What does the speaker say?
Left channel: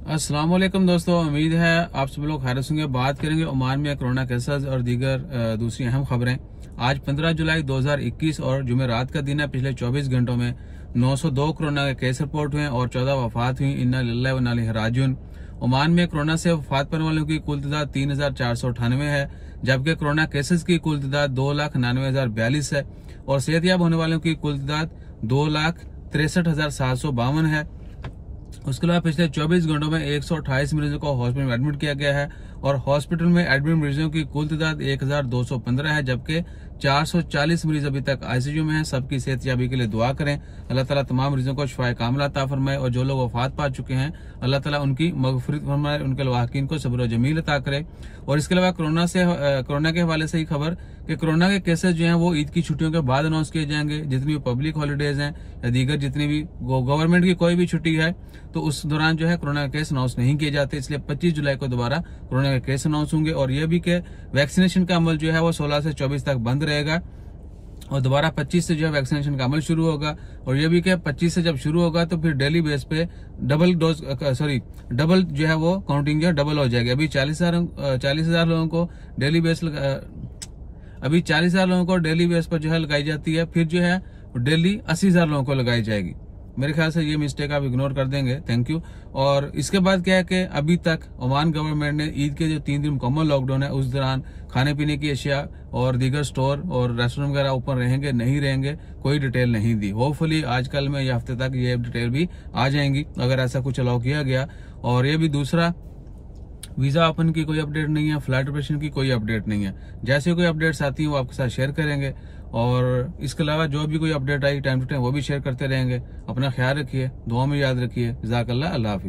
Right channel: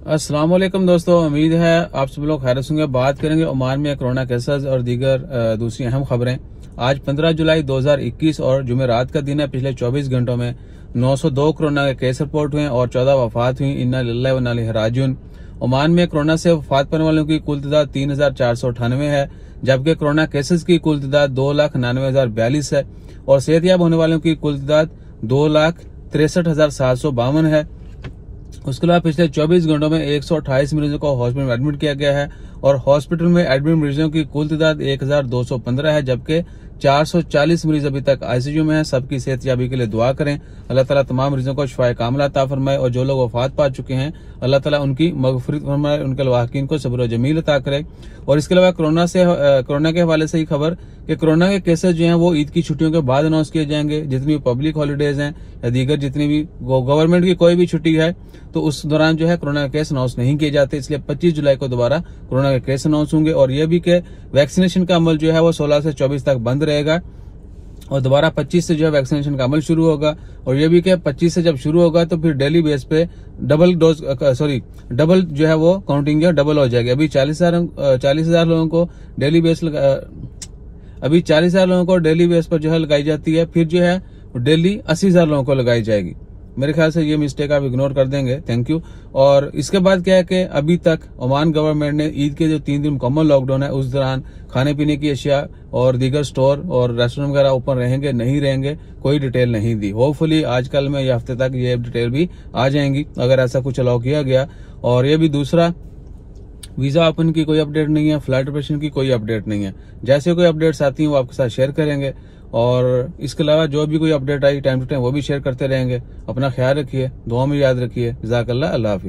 अस्सलाम वालेकुम दोस्तों, उम्मीद है आप सब लोग खैरियत से होंगे। बात करेंगे ओमान में कोरोना केसेस और दीगर दूसरी अहम खबरें। आज 15 जुलाई 2021 और जुमेरात का दिन है। पिछले 24 घंटों में 902 कोरोना के केस रिपोर्ट हुए और 14 वफात हुई। इन्ना लिल्लाहि व इन्ना इलैहि राजिऊन। ओमान में कोरोना से वफात पाने वालों की कुल तादाद 3498 है, जबकि कोरोना केसेस की कुल तादाद 2,99,042 है और सेहतयाब होने वालों की कुल तादाद 2,63,752 है। उसके अलावा पिछले 24 घंटों में 128 मरीजों को हॉस्पिटल में एडमिट किया गया है और हॉस्पिटल में एडमिट मरीजों की कुल तादाद 1,215 है, जबकि 440 मरीज अभी तक आईसीयू में हैं। सबकी सेहतयाबी के लिए दुआ करें। अल्लाह ताला तमाम मरीजों को शिफाए कामिला अता फरमाए और जो लोग वफात पा चुके हैं अल्लाह ताला उनकी मगफिरत फरमाए, उनके लवाहिकीन को सब्र जमील अता करे। और इसके अलावा कोरोना के हवाले से ही खबर कि कोरोना के केसेस जो हैं वो ईद की छुट्टियों के बाद अनाउंस किए जाएंगे। जितनी भी पब्लिक हॉलीडेज हैं या दीगर जितनी भी गवर्नमेंट की कोई भी छुट्टी है तो उस दौरान जो है कोरोना के केस अनाउंस नहीं किए जाते, इसलिए 25 जुलाई को दोबारा कोरोना के केस अनाउंस होंगे। और यह भी कि वैक्सीनेशन का अमल जो है वो 16 से 24 तक बंद रहेगा और दोबारा 25 से जो है वैक्सीनेशन का अमल शुरू होगा। और ये भी कि 25 से जब शुरू होगा तो फिर डेली बेस पे डबल जो है वो काउंटिंग जो है डबल हो जाएगी। अभी 40,000 लोगों को डेली बेस पर जो है लगाई जाती है, फिर जो है डेली 80,000 लोगों को लगाई जाएगी। मेरे ख्याल से ये मिस्टेक आप इग्नोर कर देंगे, थैंक यू। और इसके बाद क्या है कि अभी तक ओमान गवर्नमेंट ने ईद के जो 3 दिन मुकम्मल लॉकडाउन है उस दौरान खाने पीने की अशिया और दीगर स्टोर और रेस्टोरेंट वगैरह ओपन रहेंगे नहीं रहेंगे कोई डिटेल नहीं दी। होपफुली आजकल में या हफ्ते तक ये डिटेल भी आ जाएंगी अगर ऐसा कुछ अलाउ किया गया। और ये भी दूसरा, वीजा ओपन की कोई अपडेट नहीं है, फ्लाइट ऑपरेशन की कोई अपडेट नहीं है। जैसे कोई अपडेट्स आती हैं वो आपके साथ शेयर करेंगे और इसके अलावा जो भी कोई अपडेट आई टाइम टू टाइम वो भी शेयर करते रहेंगे। अपना ख्याल रखिए, दुआ में याद रखिए। जज़ाकल्लाह, अल्लाह हाफिज़।